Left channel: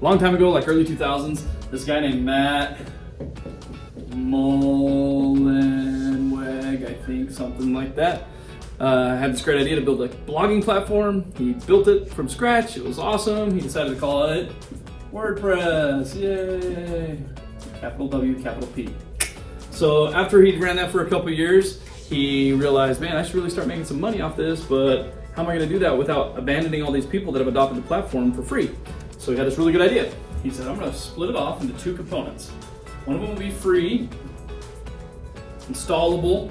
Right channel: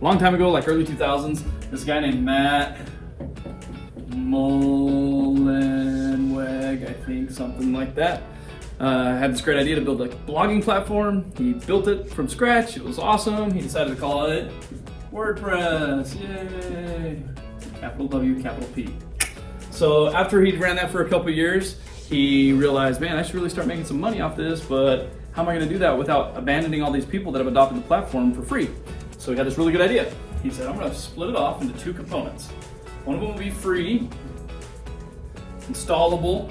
A long time ago, like early 2000s, this guy named Matt Mullenweg, I think, something like that, had this great idea to build a blogging platform. He built it from scratch. It was awesome. He decided to call it WordPress. Yay! Capital W, capital P. So after he ran that for a couple years, he realized, man, I should really start making some money off this, but how am I going to do that without abandoning all these people that have adopted the platform for free? So he had this really good idea. He said, I'm going to split it off into two components. One of them will be free, installable,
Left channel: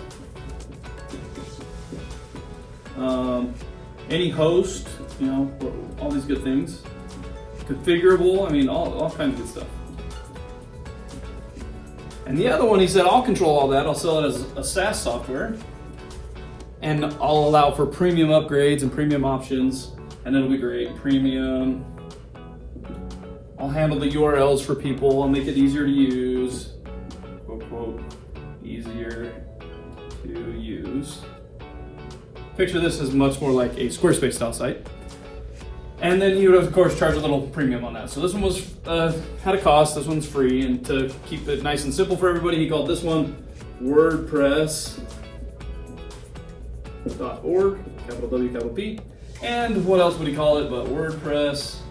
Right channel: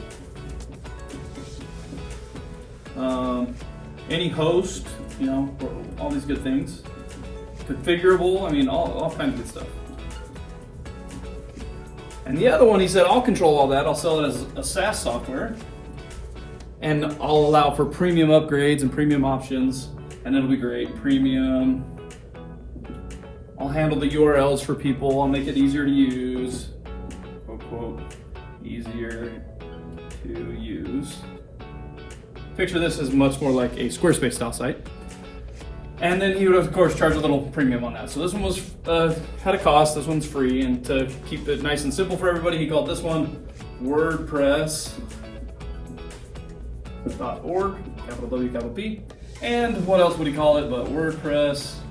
any host, you know, all these good things, configurable, I mean, all kinds of good stuff. And the other one, he said, I'll control all that. I'll sell it as a SaaS software, and I'll allow for premium upgrades and premium options, and it'll be great. Premium. I'll handle the URLs for people. I'll make it easier to use. Quote, quote, easier to use. Picture this as much more like a Squarespace style site. And then you would, of course, charge a little premium on that. So this one was had a cost, this one's free, and to keep it nice and simple for everybody, he called this one WordPress.org, capital W, capital P. And what else would he call it but WordPress.com.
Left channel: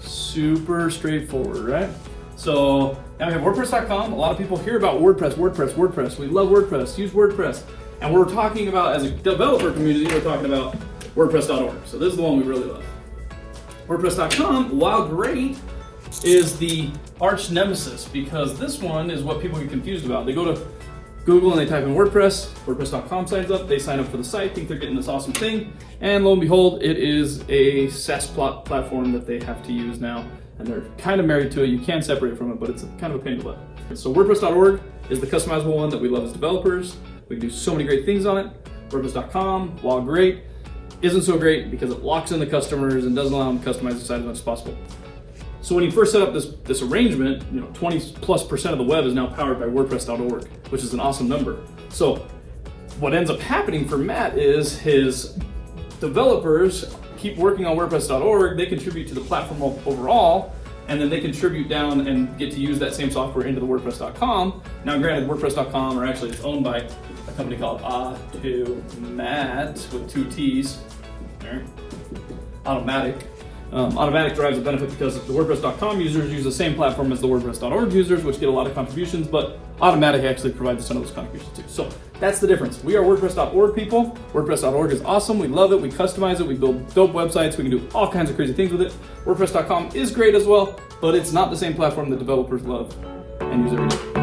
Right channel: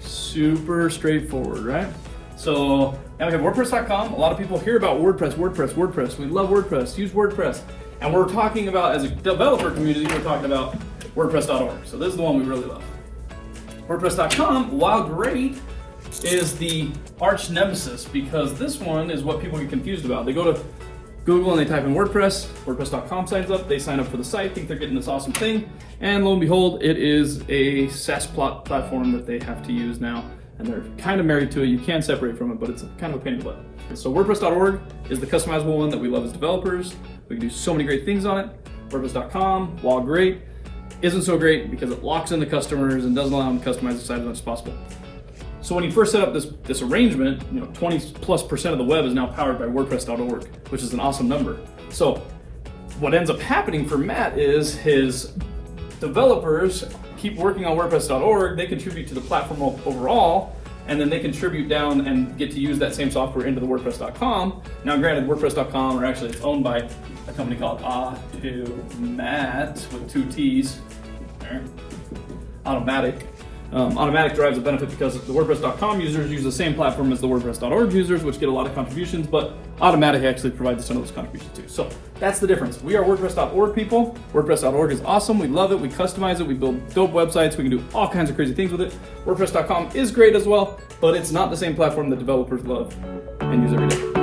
Super straightforward, right? So now we have WordPress.com. A lot of people hear about WordPress. We love WordPress, use WordPress. And we're talking about, as a developer community, we're talking about WordPress.org. So this is the one we really love. WordPress.com, while great, is the arch nemesis, because this one is what people get confused about. They go to Google and they type in WordPress, WordPress.com signs up, they sign up for the site, think they're getting this awesome thing, and lo and behold, it is a SaaS platform that they have to use now, and they're kind of married to it. You can separate from it, but it's kind of a pain in the butt. So WordPress.org is the customizable one that we love as developers. We can do so many great things on it. WordPress.com, while great, isn't so great because it locks in the customers and doesn't allow them to customize the site as much as possible. So when you first set up this arrangement, 20+% of the web is now powered by WordPress.org, which is an awesome number. So what ends up happening for Matt is his developers keep working on WordPress.org, they contribute to the platform overall, and then they contribute down and get to use that same software into the WordPress.com. Now granted, WordPress.com, or actually it's owned by a company called Automat with two T's, Automatic. Automatic drives a benefit because the WordPress.com users use the same platform as the WordPress.org users, which get a lot of contributions, but Automatic actually provides some of those contributions too. So that's the difference. We are WordPress.org people. WordPress.org is awesome. We love it. We customize it. We build dope websites. We can do all kinds of crazy things with it. WordPress.com is great as well, but it's not the same platform that developers love and use every day.